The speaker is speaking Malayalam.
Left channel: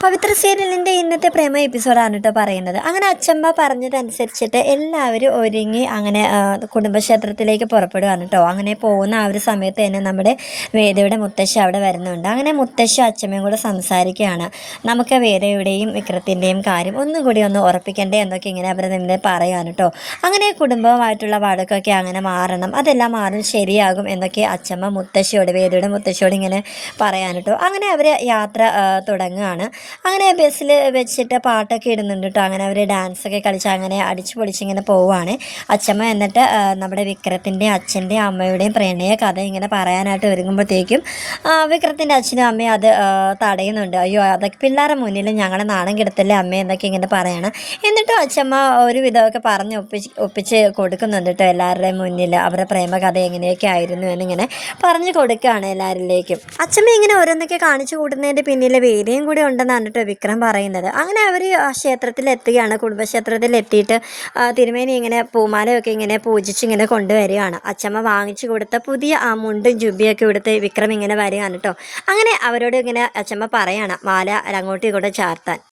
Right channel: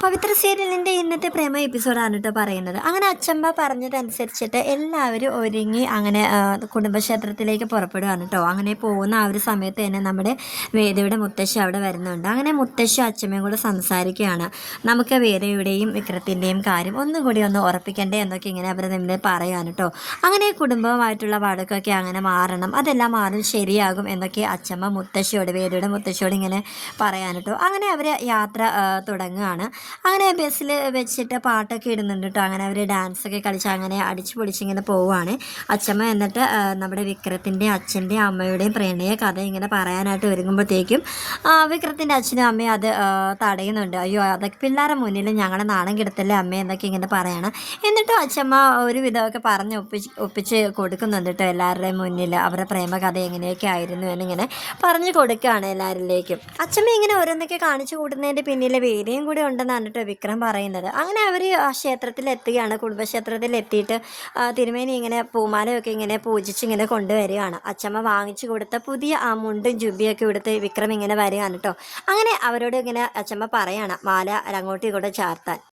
പവിത്ര സീരിയലിന്റെ ഇന്നത്തെ പ്രേമ എപ്പിസോഡാണ് കേട്ടോ പറയുന്നത്. അങ്ങനെ അച്ചമ്മ പറഞ്ഞതനുസരിച്ചിട്ട് എല്ലാവരും ഒരുങ്ങി അങ്ങനെ കുടുംബക്ഷേത്രത്തിലേക്ക് പുറപ്പെടുകയാണ് കേട്ടോ അങ്ങനെ പോകുന്ന ആ ഒരു സമയത്ത് തന്നെ നമ്മുടെ വേദയുടെ മുത്തശ്ശി അവിടെ വരുന്നുണ്ട്. അങ്ങനെ മുത്തശ്ശി അച്ചമ്മയും കൂടെ സംസാരിക്കുകയാണ്. നമുക്ക് വേദയുടെയും വിക്രത്തിന്റെയും കാര്യം ഒന്നും കൂടി ഒന്ന് ഉറപ്പിക്കണ്ടേ എന്നൊക്കെ ഇങ്ങനെ അവർ നിന്നെ പറയുകയാണ് കേട്ടോ അങ്ങനെ കുടുംബമായിട്ടുള്ള വഴക്കൊക്കെ അങ്ങനെ മാറണം. അതെല്ലാം മാറും ശരിയാകും എന്നൊക്കെ അച്ചമ്മ മുത്തശ്ശിയോട് വേദയുടെ മുത്തശ്ശിയോട് ഇങ്ങനെ പറയാൻ കേട്ടോ അങ്ങനെ അവർ യാത്ര തുടങ്ങുകയാണ് അങ്ങനെ ബസ്സിൽ വെച്ചിട്ട് പാട്ടൊക്കെ ഇടുന്നുണ്ട് കേട്ടോ അങ്ങനെ അവർ ഡാൻസൊക്കെ കളിച്ച് അങ്ങനെ അടിച്ചു പൊളിച്ചിങ്ങനെ പോവുകയാണ് അച്ഛമ്മ എന്നിട്ട് നമ്മുടെ വിക്രത്തിന്റെ അച്ഛന്റെയും അമ്മയുടെയും പ്രണയ കഥ ഇങ്ങനെ പറയാനായിട്ട് ഒരുങ്ങുമ്പോഴത്തേക്കും വിക്രത്തിന്റെ അച്ഛനും അമ്മയും അത് തടയുന്നുണ്ട്. അയ്യോ അതൊക്കെ പിള്ളേരുടെ മുന്നിൽ ഞങ്ങളെ നാണം കിടത്തല്ലേ അമ്മ എന്നൊക്കെ ഇങ്ങനെ പറയണം. എന്നിട്ടും അച്ഛമ്മ ഒരു വിധമൊക്കെ പറഞ്ഞ് ഒപ്പിച്ച് ഒപ്പിച്ച് കൊടുക്കുന്നുണ്ട് കേട്ടോ എല്ലാവരുടെയും മുന്നിൽ. അവരുടെ പ്രേമകഥ എങ്ങനെയൊക്കെ ആയിരുന്നു എന്നിങ്ങനെ പറഞ്ഞു കൊടുക്കുകയാണ് എല്ലാവരിലേക്കും. അച്ഛമ്മ ഇങ്ങനെ ഓരോന്നൊക്കെ കാണിച്ചു കൂട്ടുന്നതിന്റെ പിന്നിലെ വേദിയും കൂടി ഉണ്ടെന്നാണ് കേട്ടോ വിക്രം പറയുന്നത്. അങ്ങനെ അവർ ആ ക്ഷേത്രത്തിൽ എത്തുകയാണ് കുടുംബക്ഷേത്രത്തിൽ എത്തിയിട്ട് തിരുമേനി ഇങ്ങനെ പൂമാലയൊക്കെ ഇങ്ങനെ പൂജിച്ച് ഇങ്ങനെ കൊണ്ടുവരികയാണ്. അച്ഛമ്മ വാങ്ങിച്ചു കൊടുത്ത പുതിയ ആ മുണ്ടും ജുബിയൊക്കെ എടുത്ത് വിക്രം ഇങ്ങനെ വരികയാണ് കേട്ടോ. അങ്ങനെ അവരോട് ഇങ്ങനെ അച്ഛമ്മ പറയാണ് മാല അങ്ങോട്ടും ഇങ്ങോട്ടും ചാർത്താൻ.